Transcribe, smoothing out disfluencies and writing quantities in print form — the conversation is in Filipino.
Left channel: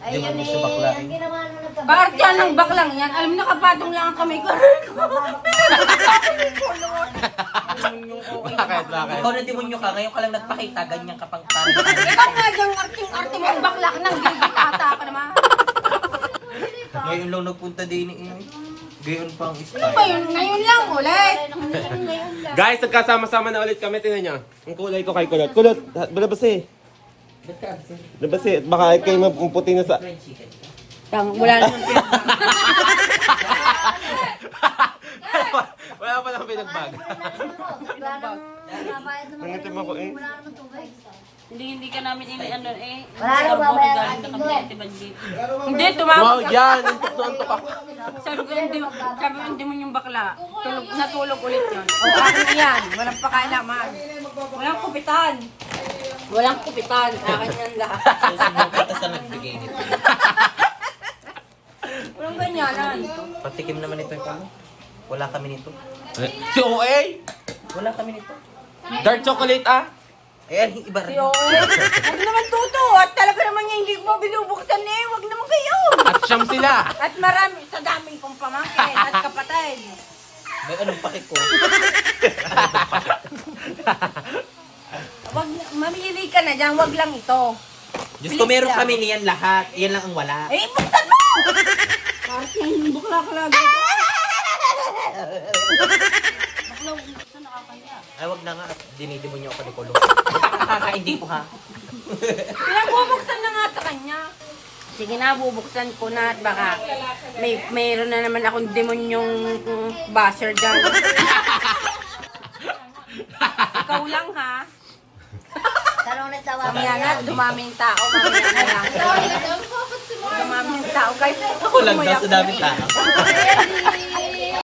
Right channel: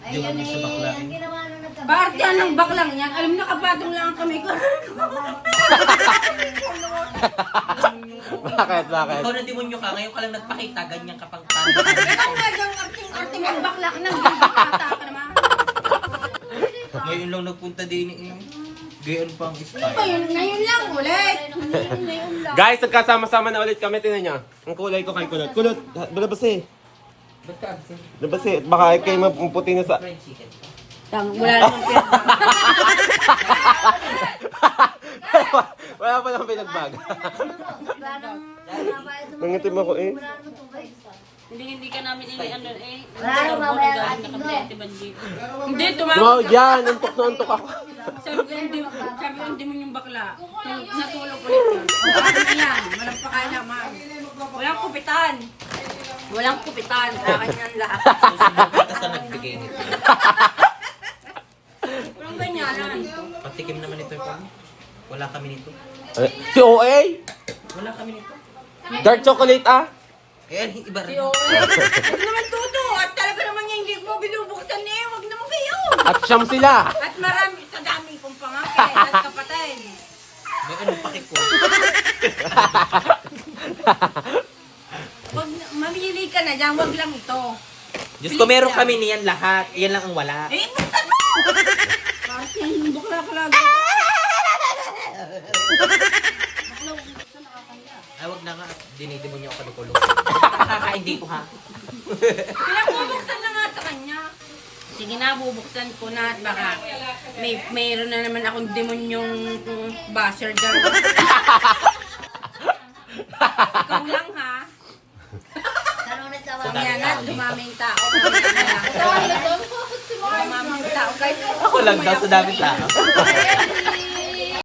Ayun eh, ang ginawa nung nagkabate. Parte ng baklang yan. Alam mo, nakapatong lang kami ko. Ikaw na demonyo ka, ngayon ka lang nagpakita, ganyan kapag Ikaw nga dyan, arte mo ang baklak ng gigitata ka naman. ngayon lang nagpunta din eh. Gayon pang Ano style. ba yun? Ngayon lang ulit. Ngayon lang. Guys, nagkasama-sama na ulit kami. Tingnan nyo. Ang kulay ko kay Kulot. Kulot, balabas Labas eh. Baka kayo maputi na sa... Fried chicken. Wala naman Wala pa lang pinagbag. Wala nang nabayad naman. Nangitim ako eh. Wala naman tubig. Hindi ka namin ano eh. Wala nang babayad Galing ating na doon. kami tiban dito. Hindi, tumawag No, ka. yan. Untok na untok ako. Sabi ko hindi mo yung bakla. Natulog ulit yun. O, akin yan. Walang pakalaman. Walang kupitan. Walang kupitan. Akin yan lahat. Susunod sa nagbigay nito. Walang ganyanan. Patikim naman ito pa. Wala kami nito. Si OA? Wala kami nito. Dark chocolate ah? Ayan, iba rin. Ano naman tuto? At talaga naman niya hindi mo binubuksan eh. Huwag naman kayo. At siyam sila. At marami sa dami kong pamangkin at kapatid. May anong pakik ko. Mamili ka na dyan. Huwag lang ito. Diyos ko, meron kami niyan lahat. Yan lang ang wala. Eh, buksan mo! Kasi yung bukla ka lagi. Ay, wag na nga. Dinidimo niyo ako ni Kulong. Hindi ko ha. Pinagbubuksan na nga sa kanya. Sige na, bubuksan ko na at baka mayroon na naman akong demonyong basher dyan. Ikaw lang ha. Tanong nagtawa. Mamaya na, dumaming tao. Mamaya na lang. Dumaming tao. Guys, Ako lang daw sa daming tao.